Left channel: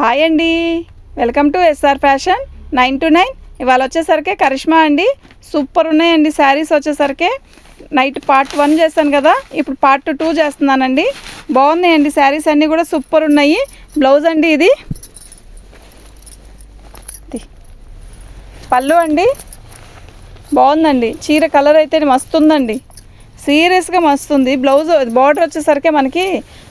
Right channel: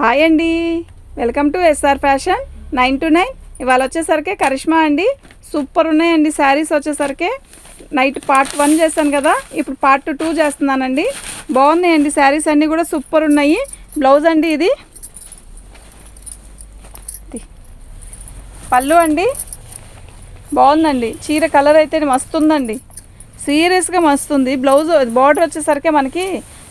Hi అండి. Welcome to S R fashion nine to nine. ఇవాళ వచ్చేసరికి కరిష్మా అండి. సూపర్ ఉన్నాయండి శారీస్ వచ్చేసరికి. నైట్ పార్ట్ వన్ చేస్తాను కదా ఇప్పుడు పార్ట్ టూ చేస్తున్నానండి. బాగున్నాయండి శారీస్ అన్నీ కూడా సూపర్ ఉన్నాయి. బ్లౌజ్ అండి ఇది. పళ్ళు అండి. బాగుందండి. చీర కలర్ అయితే మస్తు ఉందండి సీరియస్గా మస్తుంది. బ్లౌజ్ బార్డర్ వచ్చేసరికి మనకి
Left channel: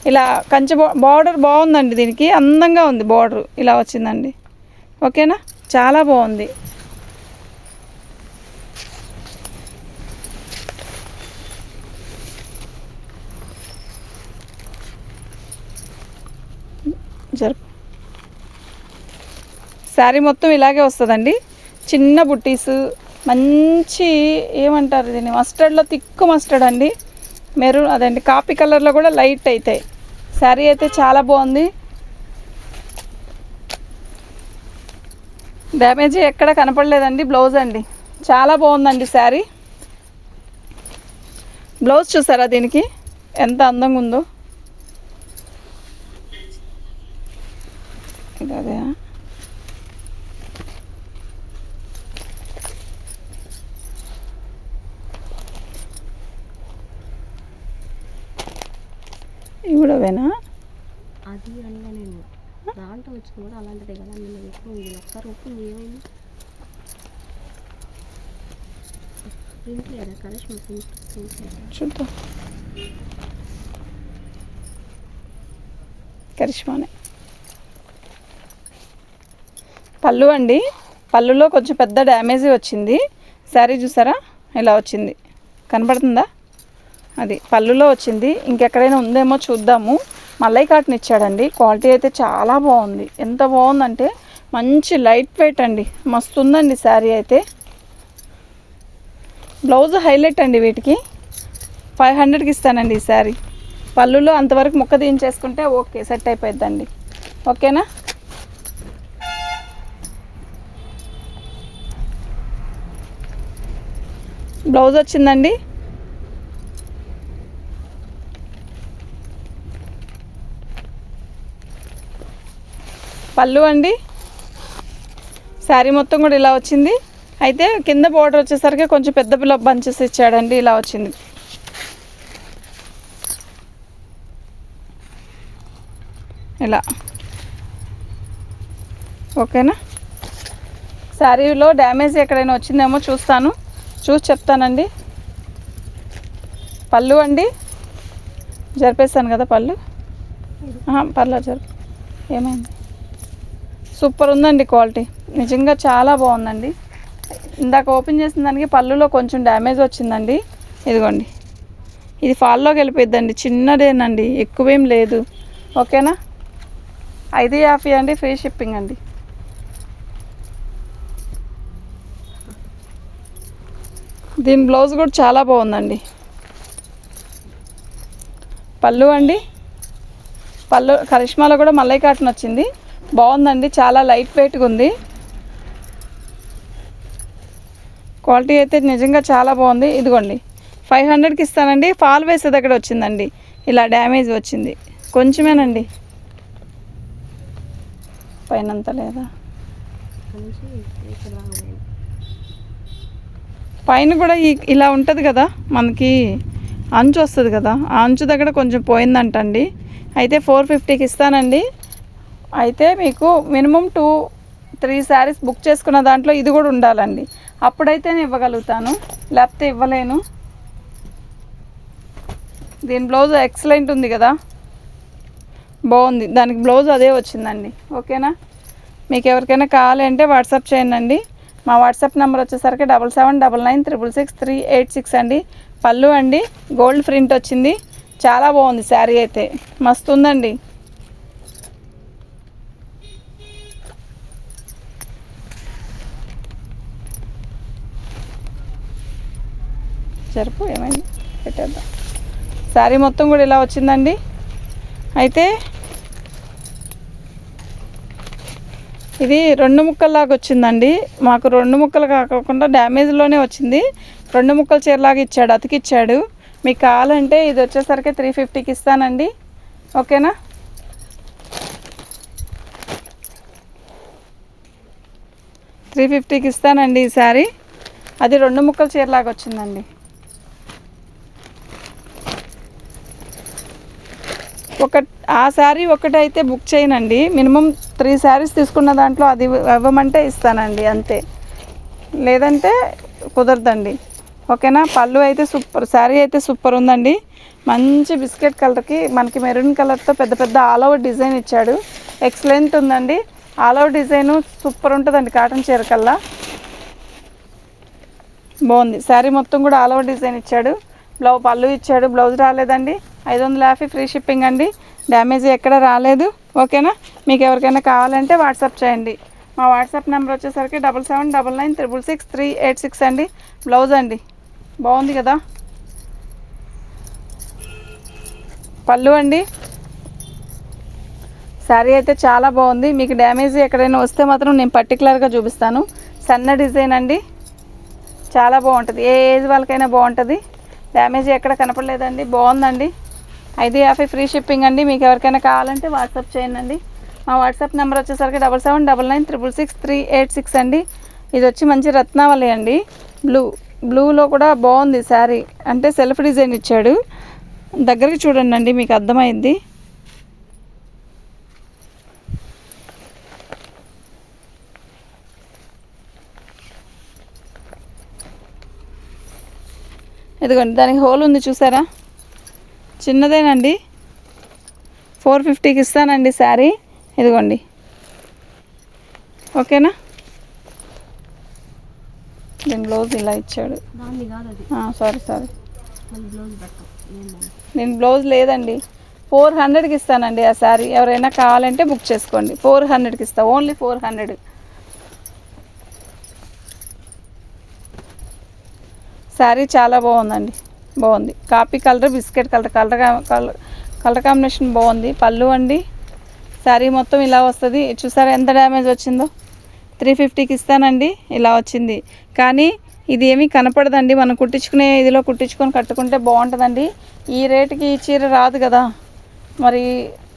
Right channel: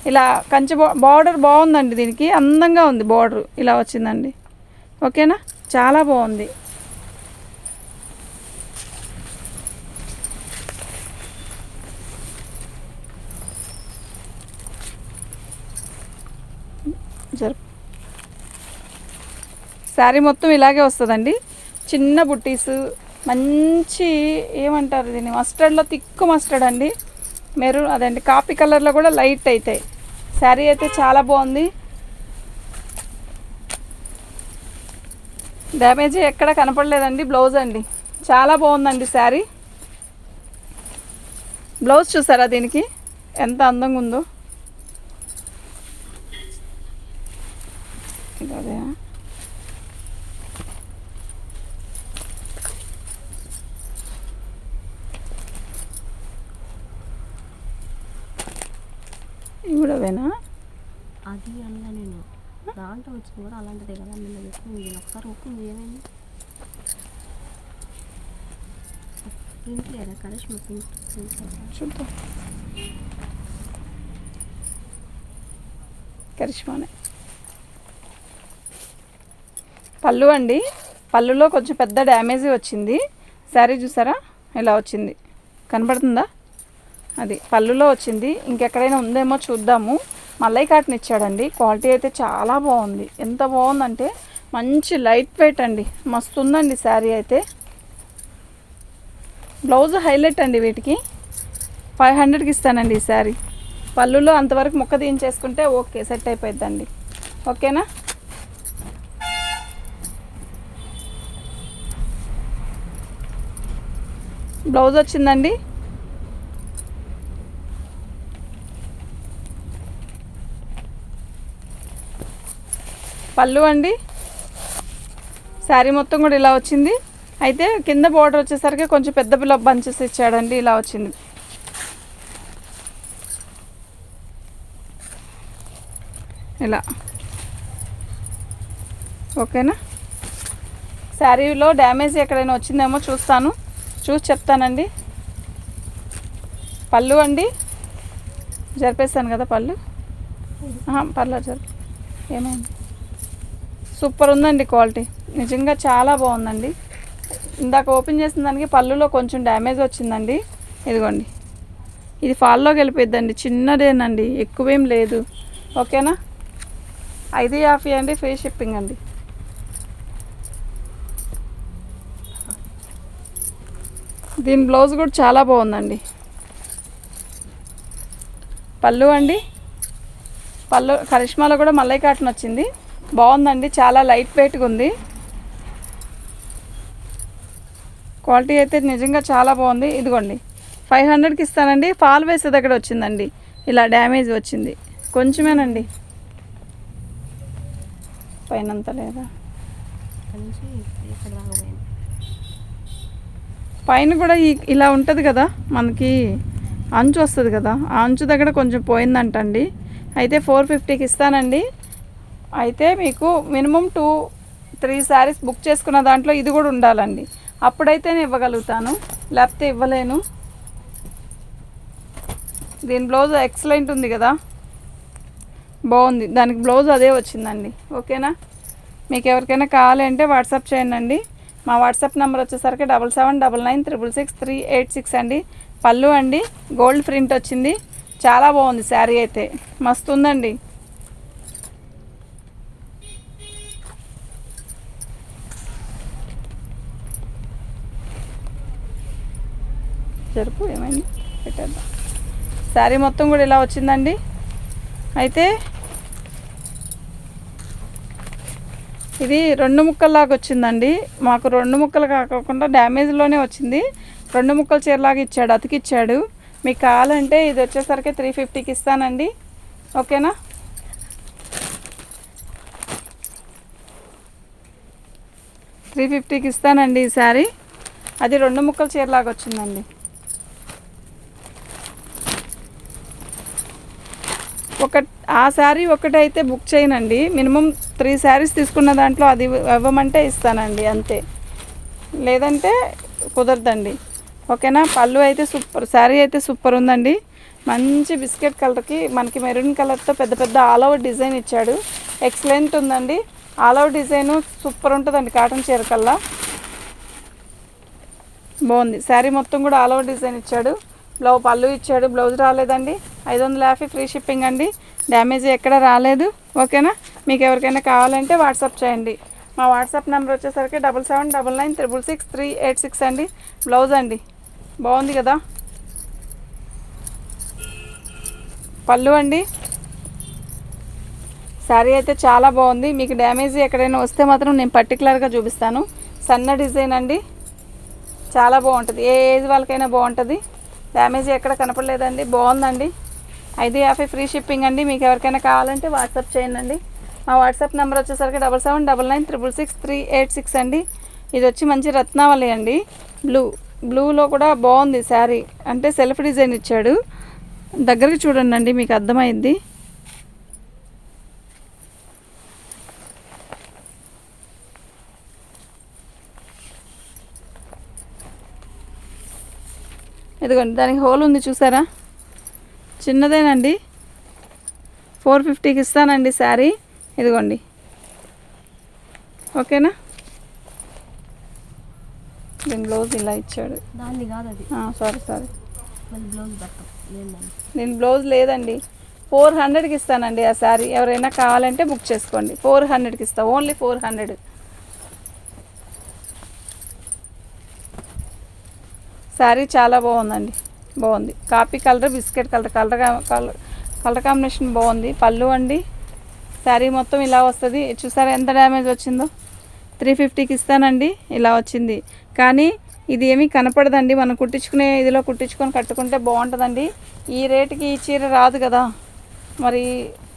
ఇలా కంచి బార్డర్ బాగుందండి దీనికి. అందంగా ఉంది బార్డర్. ఇలా వచ్చిందండి. ఓకేనా? చాలా బాగుంది. జరుపు శారీ మొత్తం ఇలాగే వస్తుందండి. చిన్న బుట్టీస్ మంచి ఏమంటారు దీన్ని? మస్టర్డ్లో తిక్కు మస్టర్డ్ అండి. మెరూన్ అదండి కాపీ కలర్లో కూడా లైట్ అవుతాయి శారీ అయితే చాలా బాగుంది. డ్యామేజ్ ఎక్కడ కనపడలేదండి బ్లౌజ్ అండి. చాలా బాగుందండి శారీ. బ్లౌజ్ చూసారా దీనికి? ఎంత అందంగా ఉందో ఇది అదే ఇవి కూడా అవేనా అది అనగా నేను దాంట్లో కూడా అలాంటిదే కదా నిన్న చెప్పి ఇది ఒకసారి ఉప్పు ఏమైంది ఏంటి కదా కరిష్మా పింక్ చూద్దాం. కరిష్మానే. పళ్ళు అండి. పళ్ళులో కొంచెం పెద్ద డ్యామేజ్ వచ్చింది. శారీ చూసారా? ఇలా వచ్చింది? కనపడుతుందా అది పళ్ళులో వచ్చింది. ఇంకెక్కడైనా ఉందేమో చూద్దాము. మల్లై కాటన్ ఇచ్చాడండి. క్వాలిటీ అయితే చాలా బాగుంది. ఎంత బాగుందంటే మంచి లైట్ వెయిట్ అండి. మస్తు ఉందండి శారీ అయితే. బ్లౌజ్ హైలైట్ అండి వీటికి. ఫైవ్ హండ్రెడ్కి ఇస్తానండి ఈ శారీ. పళ్ళులో అంతవరకు మొక్క తీయించేసుకుంటే ఓకే సెట్ అయిపోయిద్దండి. ఓకేనా? బ్లౌజ్ వచ్చిందండి. పళ్ళు అండి. శారీ మొత్తం కూడా ఇలా వచ్చింది. అయితే కింద బోర్డర్ వచ్చేసరికి కొంచెం పెద్ద పిల్ల బంచెస్ ఇచ్చాడండి ఇలా వచ్చింది. ఇలా. ఓకేనా? శారీలో డ్యామేజ్ ఎక్కడైనా వచ్చిందేమో చూస్తాను. చూసి చెప్తానండి. పళ్ళు అండి. జరిపేస్తాను కదా పళ్ళు? పర్లేదు జరిపి. ఏమైంది? సూపర్ ఉందండి క్వాలిటీ. నిజంగా చాలా బాగుందండి. ఇందాక ఓపెన్ చేసిన దానికి పళ్ళులో కొంచెం డ్యామేజ్ వచ్చిందండి. ఇదిగోండి. ఇది ఫాల్లోకి వెళ్ళిపోద్దండి చిన్నదేనండి. ఎక్కువేం లేదు. ఓకేనా? ఐదు యాభై అండి. ఫ్రీ షిప్పింగ్ అండి. దీని బ్లౌజ్ కూడా చాలా బాగుందండి. పళ్ళు అండి. పళ్ళు కరిష్మాలో కూడా మల్లై కాటన్ వచ్చింది. బాగుందండి చాలా లైట్ వెయిట్గా ఉంది. క్వాలిటీ అయితే నిజంగా చాలా బాగుంది. ఇదిగోండి ఫైవ్ హండ్రెడ్కి ఇస్తానండి. ఫాల్ వేసే దగ్గర వచ్చిందండి. ఇలా డ్యామేజ్ వచ్చింది. కొంచెమేనండి. పైన లేదా? పైన కూడా ఇలా ఉంటుంది కదా మనకి అంచు వస్తుంది కదా ఆ అంచు దగ్గర కొంచెం పోయిందంటండి. అయితే ఫోర్ ఫిఫ్టీకి ఇస్తానండి. అయితే మీకు minimum two three saris book చేసుకున్న దాంట్లో ఇది కూడా ఉండాలండి. అప్పుడైతే నేను ఇవ్వగలుగుతాను. లేకపోతే ఇవ్వలేను. దీని బ్లౌజ్ ఎక్సలెంట్ ఉంది కదా. బాగుంది. దానికి బ్లౌజ్ అదే వచ్చిందండి. ఓకేనా? మీకు ఎవరికైనా కావాలి అంటే వాట్సాప్ చేయండి మా వాట్సాప్ నెంబర్ వచ్చేసరికి double seven double nine triple six three eight six అండి. పళ్ళు అండి. గోల్డ్ ప్రింట్ వచ్చింది. చాలా బాగుంది శారీ అయితే. మస్తు ఉందండి. జరుపు ఏమైంది? పెట్టేద్దాం. శారీ మొత్తం కూడా ఇలా వచ్చిందండి. అయితే ఇది రెండు ముక్కల్లాగా వచ్చిందండి. మాకు రెండు ముక్కలు కాకుండా డ్యామేజ్లోనే వచ్చింది. రెండు ముక్కల చీరలాగా ఇచ్చాడు అతికిచ్చాడు. మీకు కావాలంటే ఇది వచ్చేసరికి త్రీ ఫిఫ్టీకి ఇస్తానండి. ఓకేనా? త్రీ ఫిఫ్టీకి ఇస్తానండి ఈ శారీ. అది రెండు ముక్కల చీరలాగా వచ్చిందండి. ఒక ఆ శారీ ఒకటైతే బుక్ చేయనండి. మినిమం త్రీ శారీస్ తీసుకున్న దాంట్లో అది ఇవ్వమంటే ఇస్తానండి అంతే. లేదంటే కుదరదండి. ఓకేనా? పళ్ళు అయితే సూపర్ శారీ అయితే సూపర్ ఉందండి. మంచి బిస్కెట్ కలర్కి మనకి మెరూన్ కలర్తో పెద్ద పెద్ద ఆల్ ఓవర్ డిజైన్ ఇచ్చాడు. ఎక్సలెంట్ ఉందండి. ఆల్ ఓవర్ డిజైను సూపర్ ఉంటుందండి కాటన్ చీర కల్లా. బాగుంది. శారీ మొత్తం కూడా ఆల్ ఓవర్ డిజైన్ ఇచ్చాడు. బ్లౌజ్ పళ్ళు ఇచ్చాడు. బ్లౌజ్ రాలేదండి. ఐదు వందల యాభై ఫ్రీ షిప్పింగ్ అండి. డ్యామేజ్ ఎక్కడ రాలేదు. ఓకేనా? మీకు ఎవరికైనా కావాలంటే వాట్సాప్ చేయండి. మా వాట్సాప్ నెంబర్ వచ్చేసరికి double seven double nine triple six three eight six అండి. బ్లౌజ్ అండి. బాగుంది కదా? పళ్ళు అండి. శారీ అయితే చాలా బాగుంది. మీకు డ్యామేజ్ ఎక్కడైనా వస్తే మాత్రం నేను పర్టికులర్గా చూపిస్తాను. సన్న డిజైన్ అండి. చాలా బాగుంటుంది. ఏ ఏజ్ వాళ్ళకైనా బాగుంటుంది. డ్యామేజ్ ఎక్కడ కనపడలేదండి. బాగుందండి. ఐదు యాభై ఫ్రీ షిప్పింగ్ అండి. మీకు ఎవరికైనా కావాలంటే వాట్సాప్ చేయండి మా వాట్సాప్ నెంబర్ వచ్చేసరికి double seven double nine triple six three eight six అండి. ఇది వచ్చి మంచి రత్నావళి అండి. బ్లూ బ్లూలో కూడా బాగుంది శారీ. అంటే సెల్ఫ్ డిజైన్ ఇచ్చాడు. దగ్గరికి చూడండి అండి మీకు అర్థమైంది. ఇదిగోండి దానికి హోల్ ఉంది చూసారా? చిన్నదేనండి. ఫోర్ ఫిఫ్టీకి ఇస్తానండి శారీ. ఇదిగోండి. ఓకేనా? దీని బ్లౌజ్ ఇలా ఇచ్చాడు. Sorry sorry. నేను బ్లౌజ్ లేదండి. ఫోర్ హండ్రెడ్కి ఇస్తానండి ఆ శారీ. ఎవరైనా కావాలంటే బుక్ చేసుకోండి. ఫోర్ హండ్రెడ్కి ఇస్తా. Only four hundred. శారీ చాలా బాగుందండి. బాగుంది. Coffee colour biscuit colour colour colour colour combination బాగుంది. పళ్ళు అండి. శారీ మొత్తం ఇలా వస్తుంది. చూసారా ఎంత డ్యామేజ్ వచ్చిందో? త్రీ ఫిఫ్టీకి ఇస్తానండి. ఇలా వచ్చింది. కానీ ఇది ఏమీ కనపడదండి. మనం కుట్టించుకునే ఇదిలో కుట్టించుకొని కట్టుకుంటే బాగుంటుందండి. ఈ రేటుకి ఈ చీర రాదు కదా. మరి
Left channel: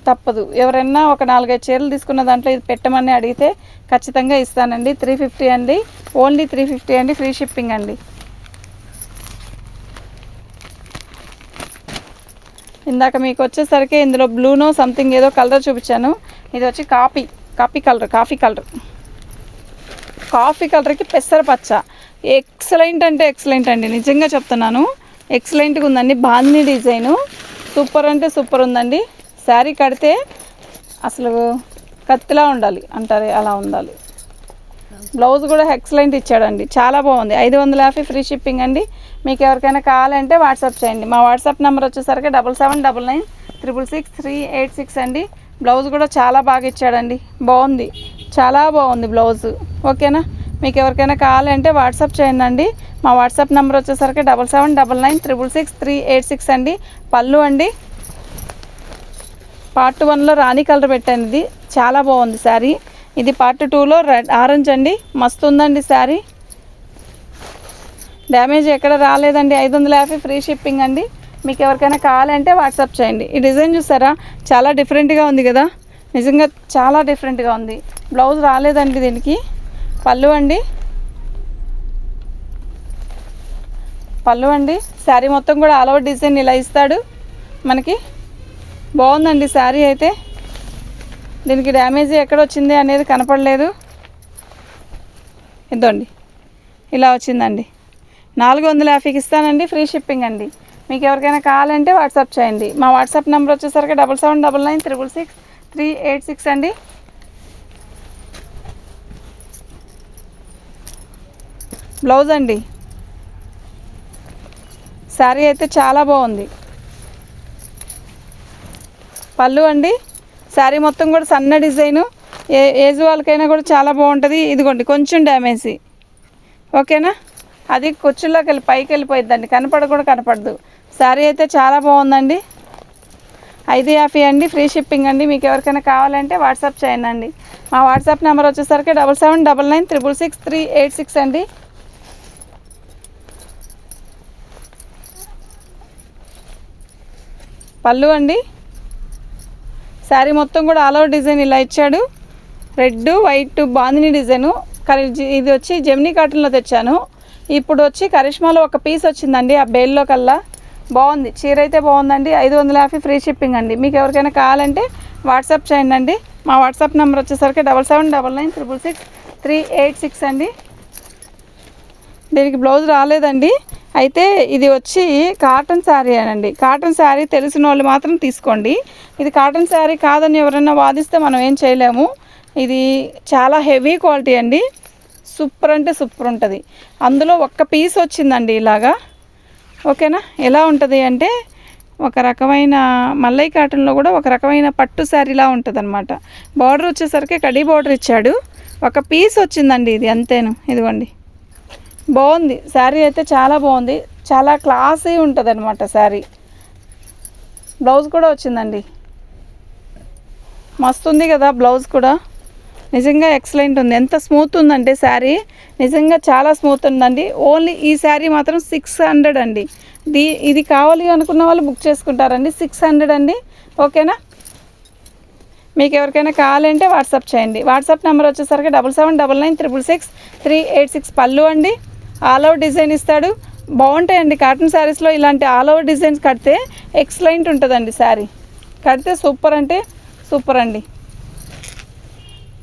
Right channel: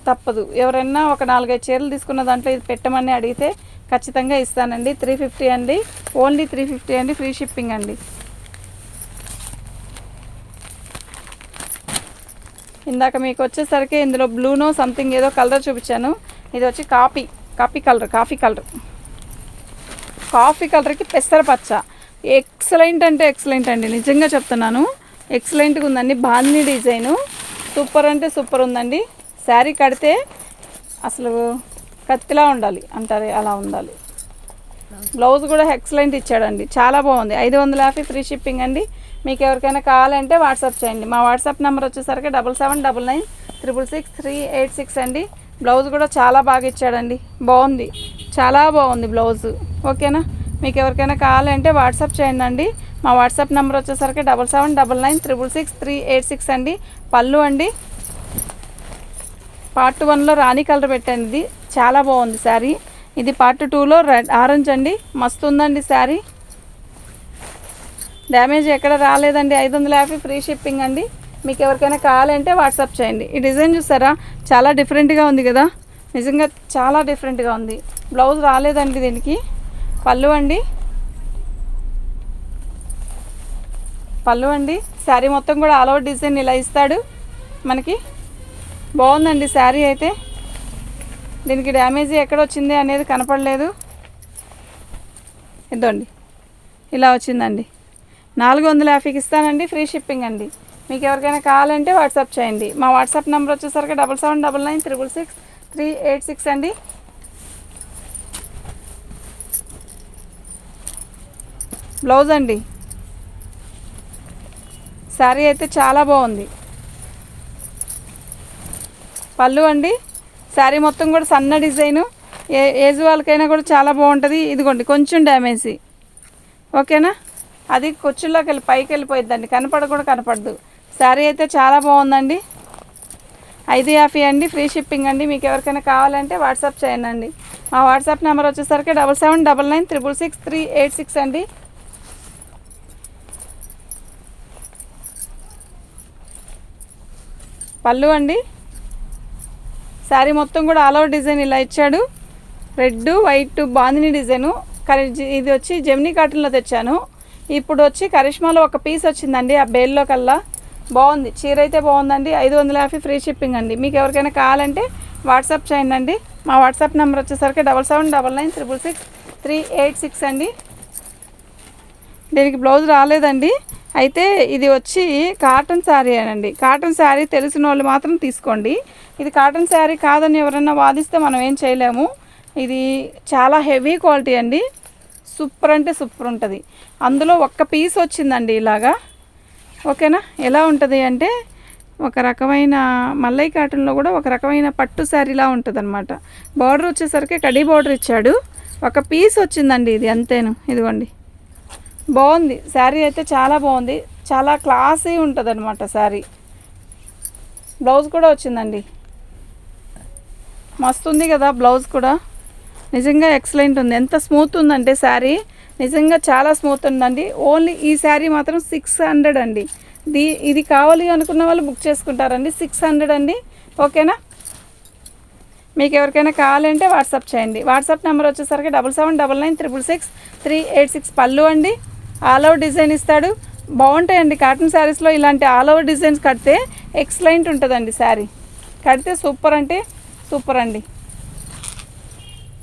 తప్పదు. ఎవరైనా ఒక నాలుగైదు చీరలు తీసుకున్న దాంట్లో ఇది పెట్టమని అడిగితే ఖచ్చితంగా ఇస్తానండి. త్రీ ఫిఫ్టీ అండి. ఓన్లీ త్రీ ఫిఫ్టీ అండి. ఫ్రీ షిప్పింగ్ అండి. ఇందాక మీకు వచ్చేసరికి ఇందులో బ్లూనో సంథింగ్ ఏదో కలర్ చూపించాను. ఇది వచ్చి coffee coffee colour coffee colour. Coffee కలర్కి పెసర పచ్చ ఎక్సలెంట్ అంటే ఎక్సలెంట్ అండి నిజంగా చెప్తున్నాను. ఎక్సలెంట్గా ఉందండి బాందీ డిజైను. సూపర్ అంటే సూపర్ ఉందండి. శారీ కడితే అసలు కత్తిలా ఉండాలి అంటారు అలా ఉండాలి. బ్లౌజ్ కూడా ఎక్సలెంట్ ఇచ్చాడండి చాలా బాగుంది. ఐదు వందల యాభై ఫ్రీ షిప్పింగ్ అండి. మీకు ఎవరికైనా కావాలంటే వాట్సాప్ చేయండి. మా వాట్సాప్ నెంబర్ వచ్చేసరికి double seven double nine triple six three eight six అండి. బ్లౌజ్ కూడా చాలా బాగా ఇచ్చాడండి. బాగుంది. చాలా బాగుంది బ్లౌజ్. ఓకేనా? మీకు ఎవరికైనా కావాలంటే వాట్సాప్ చేయండి అండి మా వాట్సాప్ నెంబర్ వచ్చేసరికి double seven double nine triple six three eight six అండి. పళ్ళు అండి. పార్ట్ వన్లో రాణి కలర్ పెట్టండి. ఇది చాలా బాగుంది శారీ. ఇది పార్ట్ టూలో రెడ్ ఆరెంజ్ అండి. మస్తు ఉందండి శారీ. డ్యామేజ్ ఎక్కడ రాలేదండి. ఐదు వందల యాభై ఫ్రీ షిప్పింగ్ అండి. మీకు ఎవరికైనా కావాలంటే వాట్సాప్ చేయండి. ఈ డిజైన్ చూసారా? చాలా డిఫరెంట్గా ఉంది కదా? నిజంగా చాలా డిఫరెంట్గా ఉంది. బ్లౌజ్ రాలేదండి దీనికి. పళ్ళు అండి. పళ్ళు అండి. శారీ మొత్తం కూడా ఆల్ ఓవర్ డిజైన్ ఇలా ఇస్తాడు. మనకి బాగుందండి శారీ అయితే. దీనికి డ్యామేజ్ ఎక్కడ వచ్చింది అనేది కనపడలేదు. ఇద్దండి ఇలా వచ్చిందండి. నాలుగు వందల యాభైకి ఇస్తానండి ఫ్రీ షిప్పింగ్ అండి. మీకు ఎవరికైనా కావాలంటే వాట్సాప్ చేయండి. మా వాట్సాప్ నెంబర్ వచ్చేసరికి double seven double nine triple six three eight six అండి. బ్లౌజ్ అండి. శారీ అయితే చాలా బాగుంది. పళ్ళు అండి. శారీ మొత్తం కూడా సన్న డిజైను. ఏ ఏజ్ వాళ్ళకైనా కూడా చాలా బాగుంటుంది. ఇదిగోండి కొంచెం డ్యామేజ్. ఓకేనా? అది కుర్చీలోకి వెళ్ళి పైకి వెళ్ళిపోయిద్దండి కనపడ కూడా కనపడదు. శారీ అయితే చాలా బాగుందండి. ఐదు యాభై అండి ఫ్రీ షిప్పింగ్ అండి. మీకు ఎవరికైనా కావాలంటే వాట్సాప్ చేయండి మా వాట్సాప్ నెంబర్ వచ్చేసరికి double seven double nine triple six three eight six అండి. పళ్ళు అండి. శారీ మొత్తం కూడా ఆల్ ఓవర్ డిజైన్ ఇలా ఇచ్చాడు. Red white bandhani design. కరి ఇది వచ్చి జెమినీ కాటన్లో తెచ్చాను. ఇప్పుడు వచ్చి కరిష్మాలో ఒక పీస్ వచ్చిందండి ఆ బేల్లో కల్లా. బాగుంది. చీర అయితే బాగుందండి. ఐదు వందల యాభై ఫ్రీ షిప్పింగ్ అండి. మీకు ఎవరికైనా కావాలంటే వాట్సాప్ చేయండి అండి. మా వాట్సాప్ నెంబర్ వచ్చేసరికి double seven double nine triple six three eight six అండి. దీనికి బ్లౌజ్ రాలేదండి. అయితే ఇది వచ్చి కాటన్ శారీ అనండి. కాటన్ శారీ తెలిసిన వాళ్ళు మాత్రం తీసుకోండి. ఇది కాటన్ శారీ కాదని ఎవరన్నా వాదిస్తే మనం ఏం చేయలేము. ఇది చాలా హెవీ క్వాలిటీ అండి. సూపర్ అంటే సూపర్ ఉంటుంది. అందులో ఒక్క పీస్ వచ్చిందండి ఇలాగా. ఓకేనా? ఎలా ఉంటుంది అంటే ఒక రకమైన మల్లై కాటన్లో కూడా ఒక రకమైన పట్టు శారీలా ఉంటుంది అనమాట బార్డర్ వచ్చేసరికి కడీ బార్డర్ ఇచ్చాడు. ఒక పీస్ వచ్చిందండి ఇది అంతేను. ఇదిగోండి. బాగుంది. శారీ అయితే చాలా బాగుంది. చాలా క్లాసీ ఉంటుంది అనమాట శారీ. బ్లౌజ్ కూడా వచ్చిందండి. మస్తు ఉంది కదా బ్లౌజ్ కూడా. నిజంగా ఎక్సలెంట్ ఉంది. ఎంత స్మూత్ ఉందంటే శారీ నిజంగా చాలా స్మూత్ ఉందండి. ఓన్లీ ఈ శారీ మాత్రం సిక్స్ హండ్రెడ్ అండి. దీ ఇది కావాలి అనుకున్న వాళ్ళు బుక్ చేసుకుంటారండి. సిక్స్ హండ్రెడ్ అండి. ఓకేనా? మీకు ఎవరికైనా కావాలంటే వాట్సాప్ చేయండి. వాట్సాప్ నెంబర్ వచ్చేసరికి double seven double nine triple six three eight six పళ్ళు అండి. ఆల్ ఓవర్ డిజైన్ ఇస్తాడు. బాగుంటాయండి కాటన్ శారీస్లో ఇలాంటి ఆల్ ఓవర్ డిజైన్స్ కడితే ఎక్సలెంట్ ఉంటుందండి శారీ కడితే సూపర్ అంటే సూపర్ అండి.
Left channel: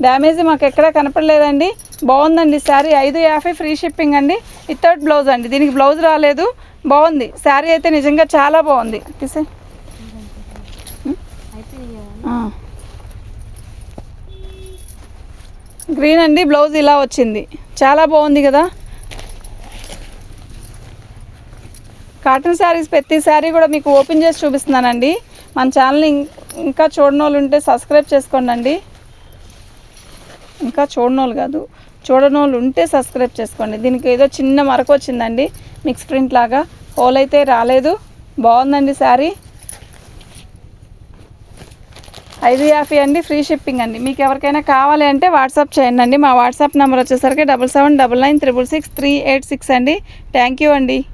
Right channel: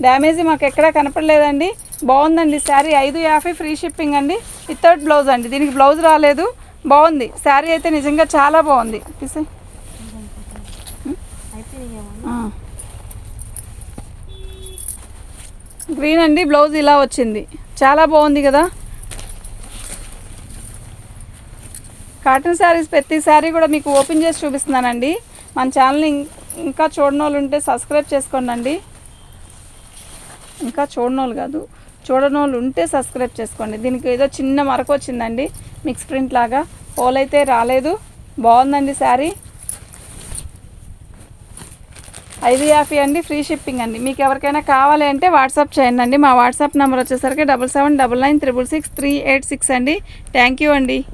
డ్యామేజ్ మాకు ఎక్కడా కనపడలేదండి. బాగుందండి శారీ ఐదు యాభై ఫ్రీ షిప్పింగ్ అండి. వితౌట్ బ్లౌజ్ అండి దీనికి బ్లౌజ్ రాలేదు. బాగుంది శారీ అయితే నిజంగా చాలా బాగుంది. గ్రీన్ అండి బ్లౌజ్ ఇలా వచ్చింది. చాలా బాగుంది కదా. కాటన్ శారీస్ ప్రతి శారీ కూడా మీకు ఓపెన్ చేసి చూపిస్తున్నానండి. మన ఛానల్ని ఇం- ఇంకా చూడని వాళ్ళు ఉంటే సబ్స్క్రైబ్ చేసుకోండి ఇంకా చూడని కాదు. చూడని ఉంటే సబ్స్క్రైబ్ చేసుకోండి. దీనికి ఏదో చిన్న మరక వచ్చిందండి. మిక్స్ ప్రింట్ లాగా. హోల్ అయితే రాలేదు. బాగుందండి శారీ ఐదు యాఫీ అండి. ఫ్రీ షిప్పింగ్ అండి. మీకు ఎవరికైనా కావాలి అంటే వాట్సాప్ చేయండి అండి. మా వాట్సాప్ నెంబర్ వచ్చేసరికి double seven double nine triple six three eight six అండి. థ్యాంక్ యూ అండి.